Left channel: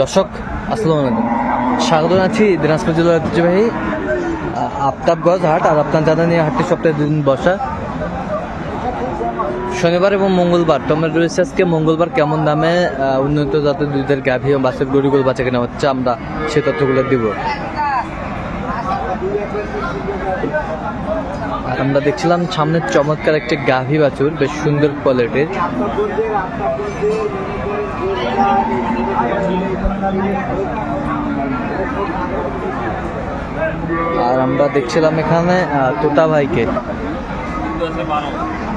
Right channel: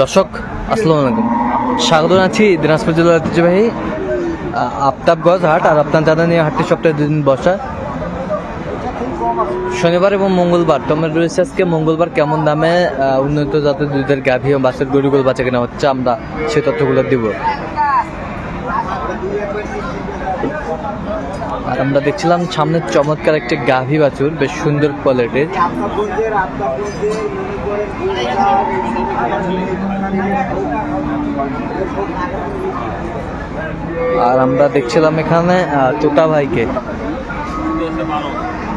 দর্শক আসসালামু আলাইকুম, স্বাগত জানাচ্ছি দিনাজপুর জেলার ঐতিহ্যবাহী আফতাবগঞ্জ হাট। আর আপনার জানা নিয়ে হাটটি সপ্তাহে 2 দিন বসা, শনিবার এবং মঙ্গলবার। টমেটো রয়েছে আজকে মঙ্গলবার। কেমন দামে উন্নত জাতের দুধের গাভী ও বাছুর গরুগুলো বাচ্চা কেনা হচ্ছে, আমরা সেই তথ্যগুলো দিব। আর আমরা দেখছিলাম সামনে চমৎকার একটি গাভী বাছুর, বেশ সুন্দর কোয়ালিটির। আর আমরা দেখছিলাম এখানে তোতা ভাইকে।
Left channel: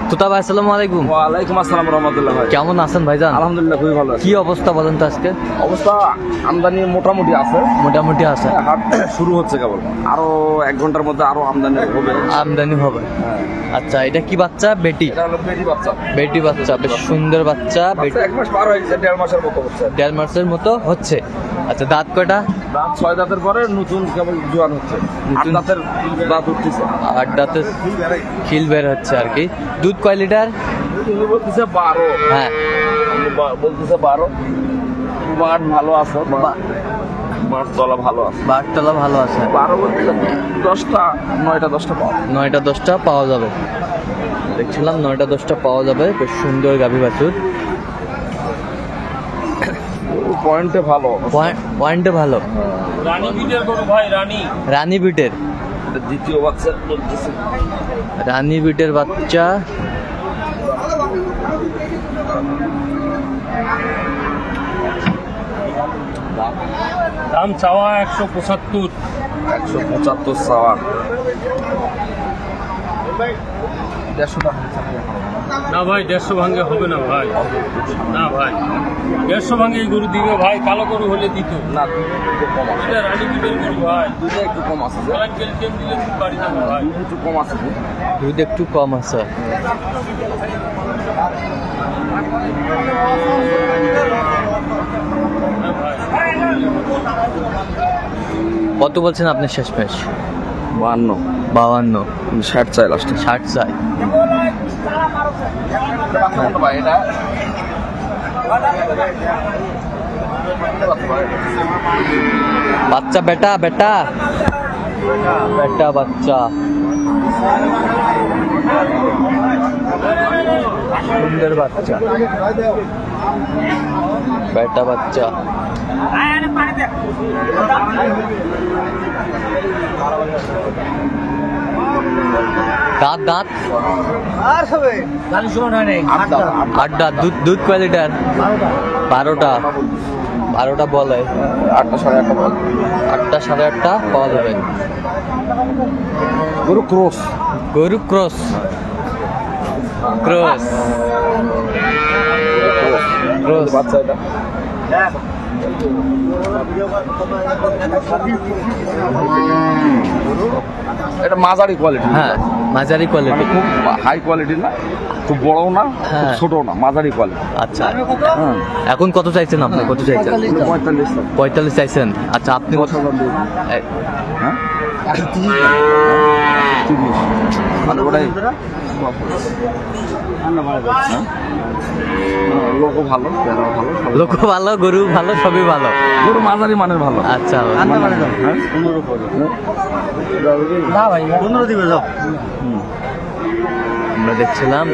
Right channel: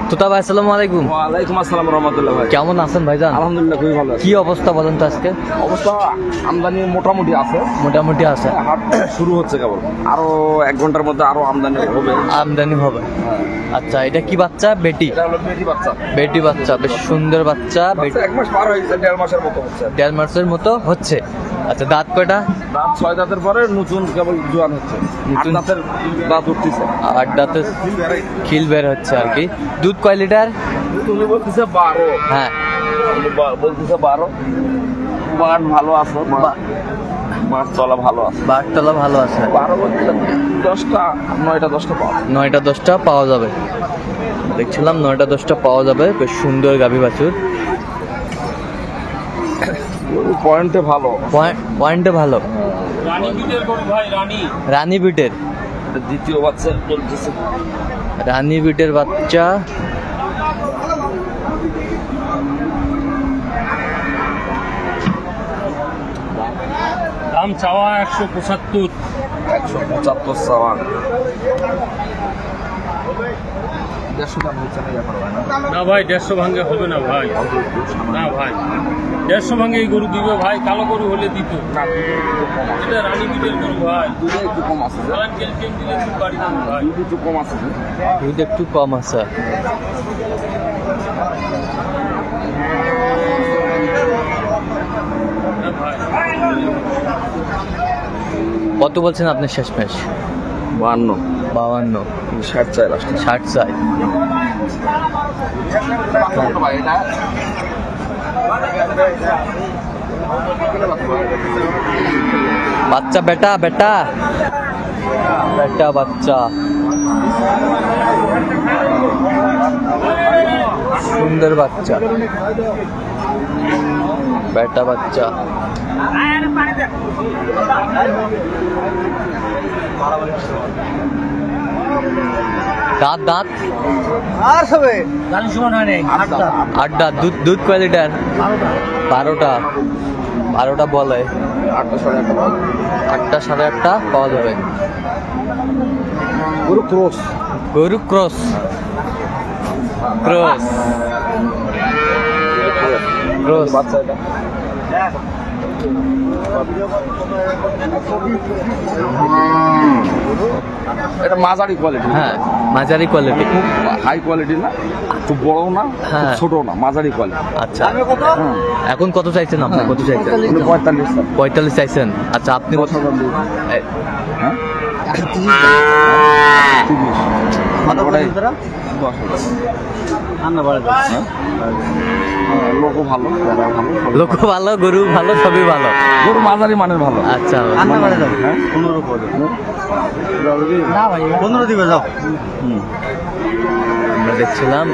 তোতা ভাই আসসালামু আলাইকুম। ওয়ালাইকুম আসসালাম রাহমাতুল্লাহ। ভাই কেমন আছেন ভাইজান? আলহামদুলিল্লাহ খুবই ভালো। কি অবস্থা বলেন তো আজকে? অবস্থা আমদানি মোটামুটি আছে, মোটামুটি আছে। হাট শুরু হচ্ছে কেবল, আরো 1 ঘন্টার মধ্যে আরো আমদানি হবে। আমদানি হবে। আচ্ছা, এটা কি বাচ্চা? বেটি? এটা হলো বেটি বাচ্চা। বেটি বাচ্চা, বেশ সুন্দর বাচ্চা। 1 মাস পার হয়েছে, 1.5 মাসের মতো হচ্ছে। 1.5 মাসের মতো হচ্ছে। আচ্ছা, দাঁত কয়টা? দাঁত 6 দাঁতের পরে নতুন কেবল জোয়ান হচ্ছে। 8 দাঁতের দাঁত উঠতেছে। 8 দাঁতের খিল বের হচ্ছে আর কি। দুধ কয় লিটার? তুমি বলতেছে 12। হ্যাঁ, বলতেছে 12। বাট ভালো আছে, বাট তলা ভালো আছে। বাটতলা ভালো আছে। 12 বলতে 10টা 9টা 10টা পাওয়া 9টা 10টা পাওয়া যাবে। দেখছিলাম 9টা 10টা পাওয়া যাবে। বেশ সুন্দর গাভী বাছুর, পয়েন্টে ভালো। পয়েন্টে ভালো। রানী বিটের গরু ভাই, রানী বিটের দ্বিতীয় বাচ্চা বলতেছে। রানী বিটের বাচ্চা। দাম চাওয়া 175। 175 চাওয়া। 150 দাম হচ্ছে না ভাই, 150 ভাঙে হবে না ভাই। না ভাই, 150 ভাঙে এই গরু দিবে ভাই। কালো গরু হলে দিত না। দুধ কম আছে, এটা রানী বিটের গরু ভাই। দুধ একটু কম আছে। বাড়ি না ভাই, দুধ একটু কম আছে। দুধ একটু কম আছে। হ্যাঁ ভাই। কত বলছেন আপনি শেষ ম্যাচ? 52 52। 60 চাই লাস্টে। 60 চাই। বাচ্চা বেটা বেটা বেটা বাচ্চা, সুন্দর বাচ্চা, বেটা বাচ্চা। দাঁত দাঁত 8 দাঁত। দুধ কয় লিটার? 12টা 12টা বলে। 8টা 8:30। 8টা 8:30 পাওয়া যাবে। গরু ক্রস। গরু ক্রস। ক্রস ক্রস বাচ্চা এটা। এটা মাঝারি কোয়ালিটি। হ্যাঁ, মাঝারি কোয়ালিটি। খুব হাই কোয়ালিটি না, খুব বড় না, হ্যাঁ, ছোট না, মাঝারি কোয়ালিটি। আচ্ছা, এখন কত চাইছেন আপনি? কত চাইছেন? 45 চাইছেন। আচ্ছা, আপনি কত? হ্যাঁ, 30। মানে ওটাই লোক ভালো, ভালো, লোক ভালো, গরু ভালো, সবই ভালো। গরু মাঝারি মানের ভালো। আচ্ছা, হ্যাঁ, 15 দিবে যাও। আমরা দেখছিলাম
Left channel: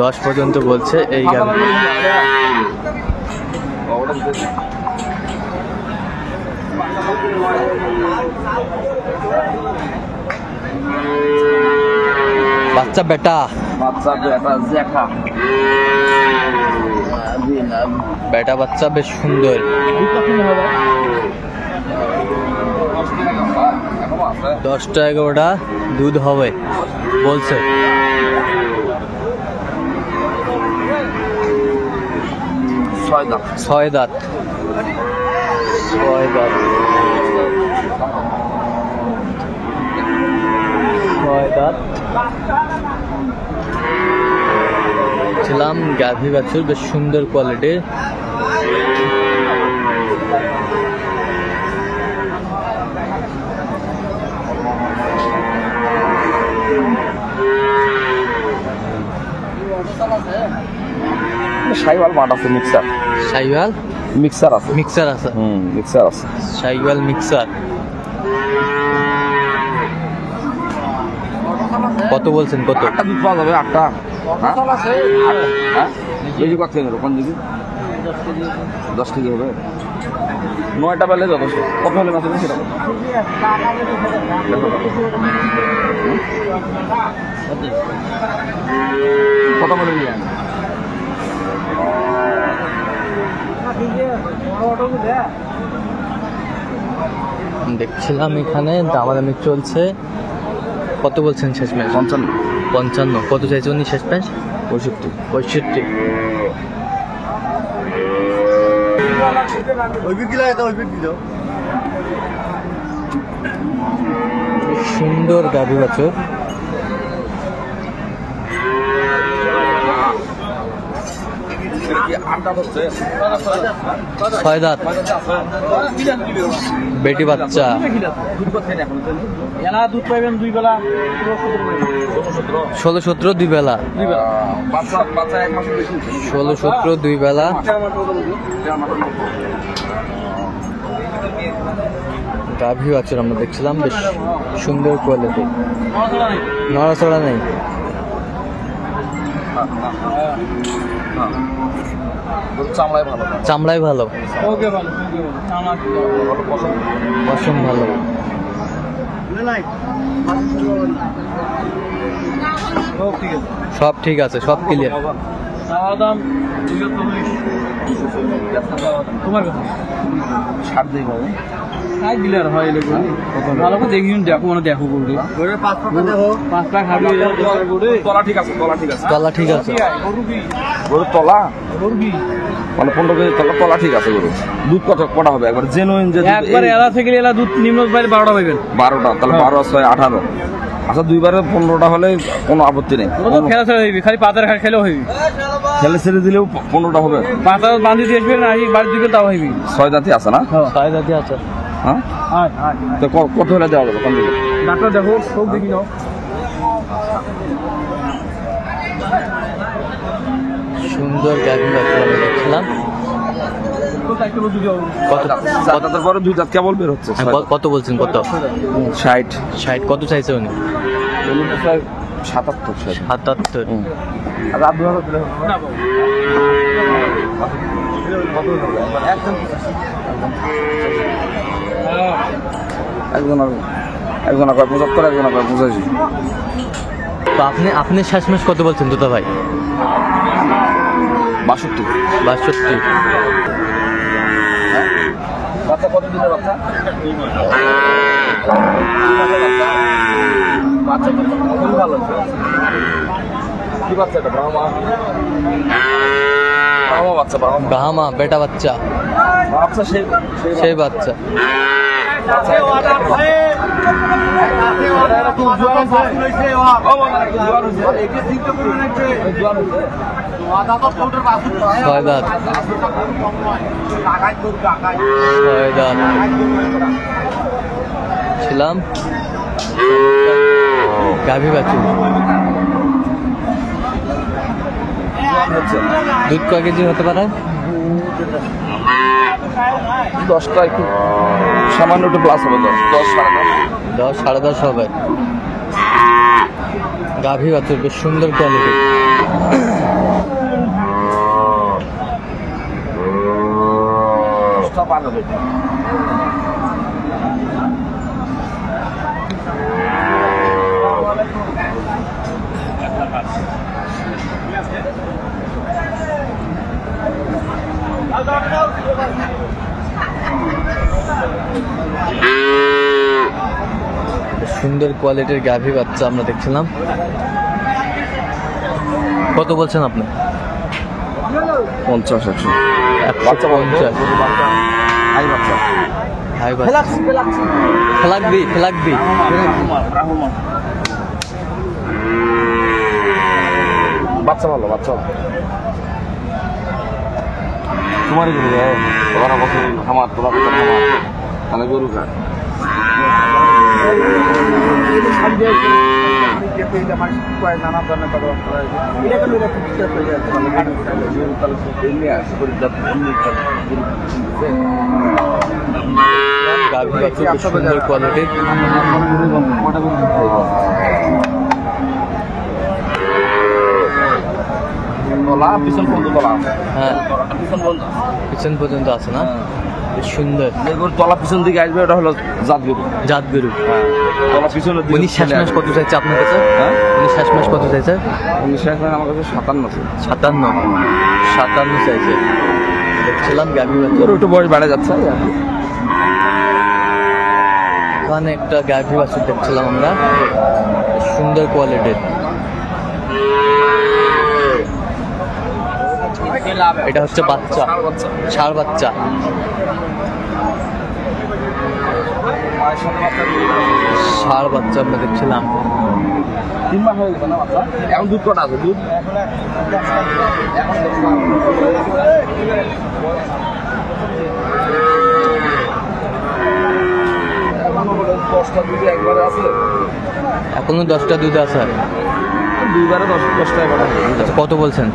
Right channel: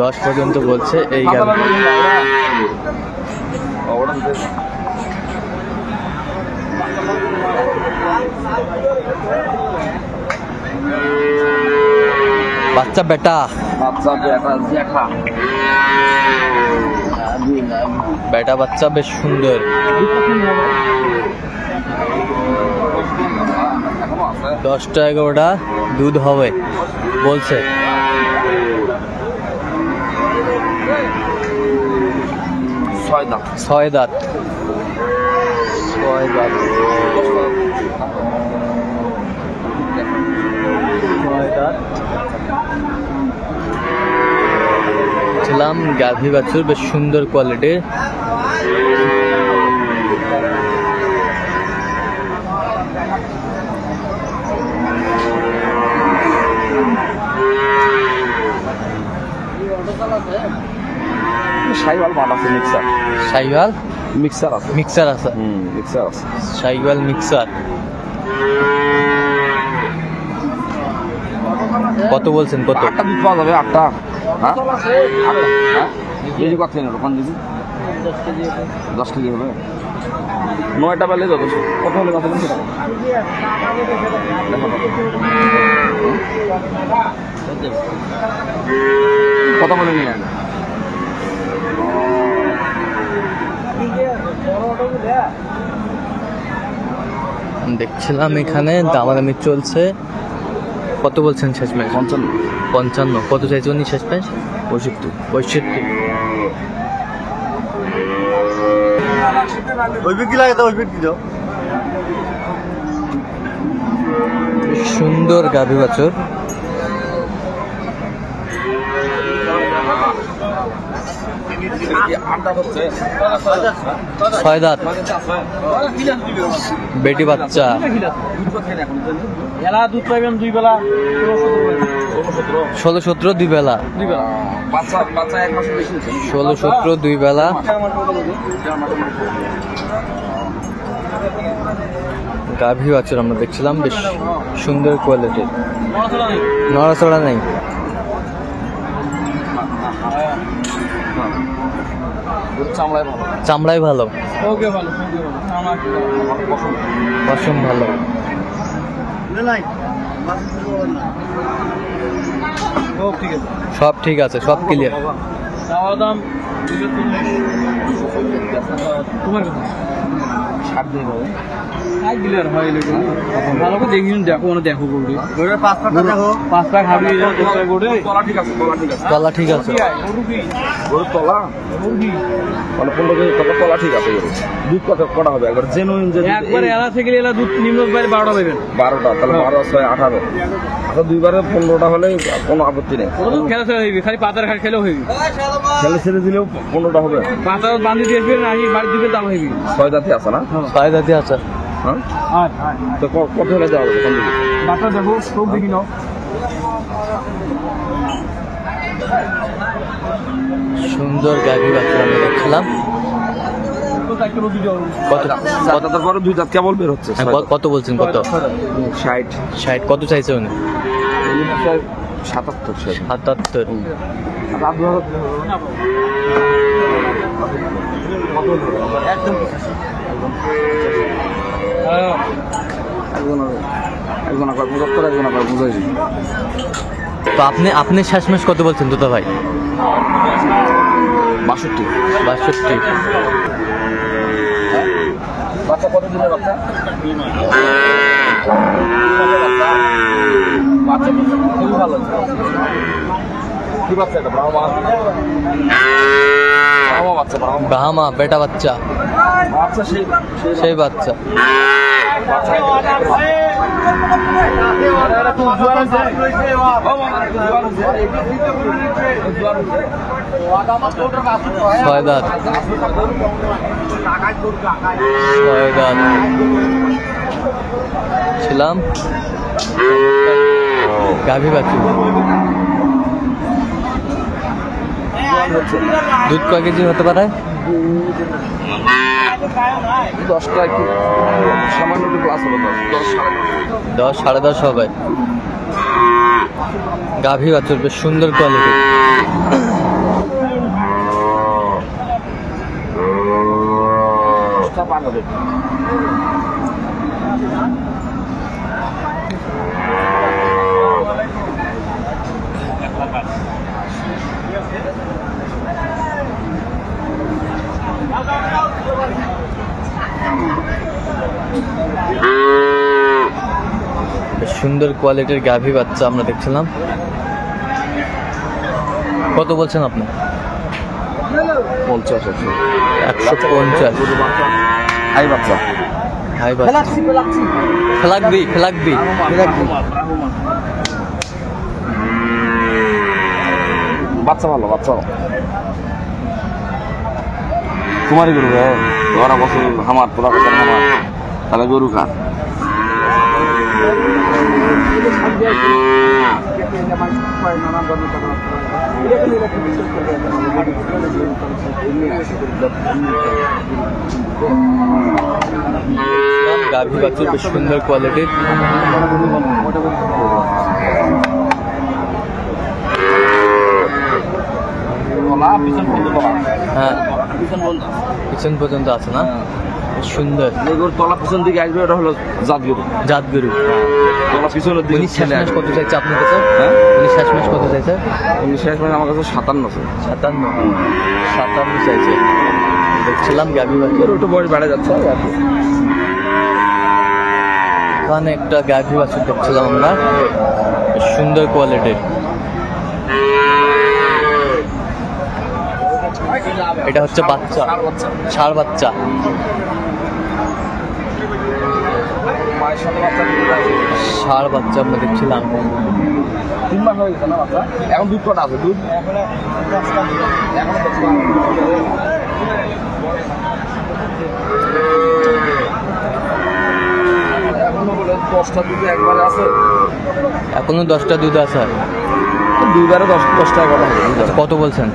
10 পর্যন্ত বলছে এই গাড়ি। বাচ্চা বেটা, বাচ্চা বেটা জ্যাঠা। বেটা বাচ্চা বেশ সুন্দর। 10টা 11টা দুধ হবে বলছে। 6 দাঁত। 6 দাঁত। 6 দাঁত। 6 দাঁত। ছিলাম গাভী বাছুর, বেশ সুন্দর কোয়ালিটির। শাহিওয়াল বাট আছে, মিক্সার শাহিওয়াল মিক্সার আছে। মিক্সার আছে, মিক্সার আছে। শাহিওয়াল মিক্সার কত বলছেন? কত? 8টা দুধ পাওয়া যাবে? 8টা? হ্যাঁ, 8টা। হ্যাঁ, বেশি কত কেন কোন দিবি? 10 কেজি হবে। 9টা বেলে যথেষ্ট। কত হলে মাছ দেবেন সেটা? দেখো কত বলে নিলেন? দেখছিলাম এখানে দামাদামি চলছে। কত বলছেন শেষ ম্যাচ? 55। 55। কত চাইছে উনি শেষ ম্যাচ? 65। 65। সুন্দর গাভী বাছুর। ছয় দাঁত, বেটি বাচ্চা। 16-17 দুই বেলা। 16-17 দুই বেলা। গাভী বাছুর আমরা দেখছিলাম, বেশ সুন্দর কোয়ালিটি, নড়াচড়া নেই। চামড়াই ভালো, পশম ভালো। সব ঠিক আছে, সব ক্লিয়ার। তোমার ছাড় দেই বাবু। ভালো করে দেখুন, দেখো না, দেখো গরু 5 লাখ হাড়ি গরু। তলা ঠিক আছে, তলা ঠিক আছে। তলা ঠিক আছে। গরু তলা মানে 15 কেজি তলা ঠিক আছে। গরু দুধ কটা হবে? একবার জেনুইন যে একবার এলা থেকে এলা দুধ নিম্ন বাইরে 12টা হবে। 12টা, তাহলে 12 6 18। আচ্ছা, দুইবারে 15টা হলে কোনো আপত্তি নেই। খেলা ছেড়ে হইবি, খালি পাতার খেলেও হইবি। খেলে ছেড়ে দিলেও 15টা হবে। পাতা বান্ধি দিয়ে আসবে না, বাড়ি দিবে তাও হইবি। 6 দাঁতই আছে না? 6 দাঁতই আছে। হ্যাঁ, তো কত হলে দেওয়া যাবে? ডাক্তার দেখো, সব দেখি নাও। সুন্দর গাভী বাছুর আমরা দেখলাম। কত? তারপরে 2 দাঁত কেবল বের হচ্ছে। কত বলছেন? কত? 60। 60। কত চাইছে উনি? 77। 77। একজন 75, একজন 85। তো আপনি শেষ ম্যাচ কত বলছেন দুটা ভাই? 62। 62। বাচ্চা কত দিনের বাচ্চা? বাচ্চা খুবই ভালো। কি বাচ্চা এটা? ব্রাহ্মা বাচ্চা। ব্রাহ্মা বেটা বাচ্চা। বাচ্চা সেই বাচ্চা। ছয় দাঁত। 6 দাঁত ছিলাম। গাভী বাছুর। দুধ কয় কেজি হতে পারে? 10টা একটু সামান্য একটু প্লাস হবে। 10 সাড়ে 10 হবে। গাভী বাছুর বেশ সুন্দর কোয়ালিটি। সুন্দর কোয়ালিটির গাভী বাচ্চা আমরা দেখছিলাম। কত বলছেন আপনি? 50। 150। হাই বাচ্চা। হাই বাচ্চা। ফেলাকবি। বাচ্চা ভালো, বাচ্চা ভালো। তোমারই গরু তোমার আমার তোরা কথা আমার, তাহলে গরু খা। গাভী বাছুর বেশ সুন্দর কোয়ালিটি। হ্যাঁ পিছন পর্যন্ত আছে না, বেশ সুন্দর। তলা পিছন দিকে আসবে, এটা হলো জাতগুরু। জাতগুরু। তলা পিছনের দিকে উনি শেষ মাস করতে চাইছে আপনার কাছে? হ্যাঁ উনি শেষ মাস করতে চাইছে? উনি শেষ মানে আমার কাছে 57 আছে। 57 চাইছে। দেখছিলাম গাভী বাছুর একটু বয়স বেড়ে যাচ্ছে আর কি। এখানে একটা গাভী বাছুর দেখছিলাম আমরা, বেশ সুন্দর কোয়ালিটির। এটা হচ্ছে বাচ্চা, ষাঁড় বাচ্চা। মায়ের সাথে বাচ্চা ষাঁড় বাচ্চা আমরা দেখছিলাম। 3 মাস হয়ে গেছে না বাচ্চা? এখন দুধ কটা আছে? দুধ এখনো 10টা দুধ আছে। দুইবারে 10 টাকা করে। আচ্ছা, কত বলছেন?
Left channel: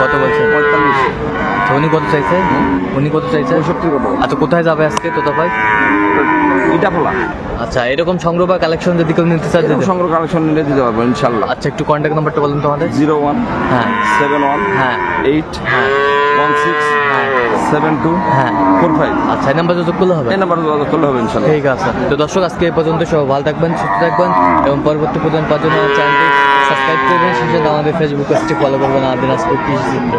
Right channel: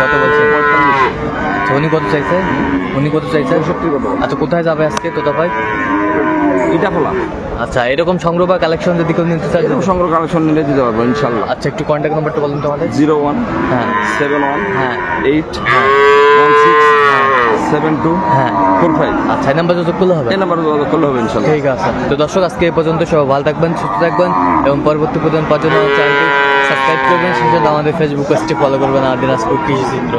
কত বলছেন? 45। আচ্ছা, উনি কত চাইছে? উনি কত চাইছে? 65 কত? আচ্ছা, কোথায় যাবে আজকে তোতা ভাই? এটা ফলা। আচ্ছা, এরকম সংগ্রহ বা কালেকশন যদি কেউ নিতে চায়? এরকম সংগ্রহ কালেকশন নিলে দিতে পারবো ইনশাল্লাহ। আচ্ছা, একটু কন্ট্যাক্ট নাম্বারটা বলুন তোমাদের। 01 হ্যাঁ 71 হ্যাঁ 8 হ্যাঁ 16 হ্যাঁ 72 হ্যাঁ 45। আচ্ছা, এই নাম্বার যোগাযোগ করলে হবে? এই নাম্বারে যোগাযোগ করলে হবে ইনশাল্লাহ। ঠিক আছে। তো দর্শক, আজকে এই পর্যন্ত। সব ভালো থাকবেন, সুস্থ থাকবেন এবং পরবর্তী প্রদান পাওয়ার জন্য আমার চ্যানেলটি সাবস্ক্রাইব করবেন। সেই সাথে আমাদের ফেসবুক পেজটি ফলো করবেন, আর দিনাজপুর কৃষি চিত্র।